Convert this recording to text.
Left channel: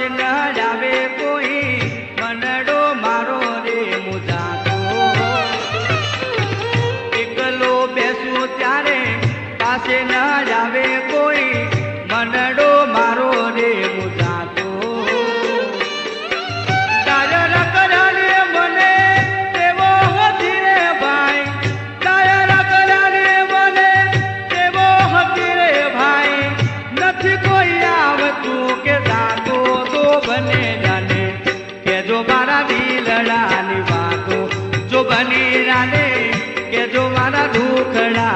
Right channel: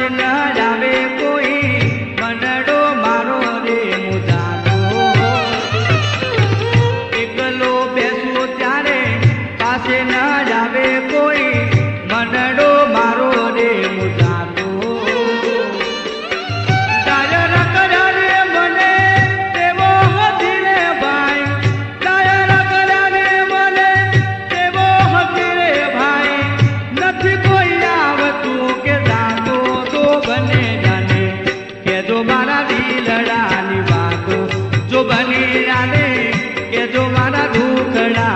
પાસે ન આવે કોઈ મનડો મારો રે મુજાતો એકલો બેસું ત્યારે પાસે ન આવે કોઈ મનડો મારો રે મુજાતો ડાયર કરાને મને તેવો હતી રે ભાઈ ડાયર કરાને મને તેવો હતી રે ભાઈ નથી કોઈ આવતું કે રાતો તો બને જાને કે જો મારા દિલડાની વાતો જો બની જાને કે જો મારા દુખડા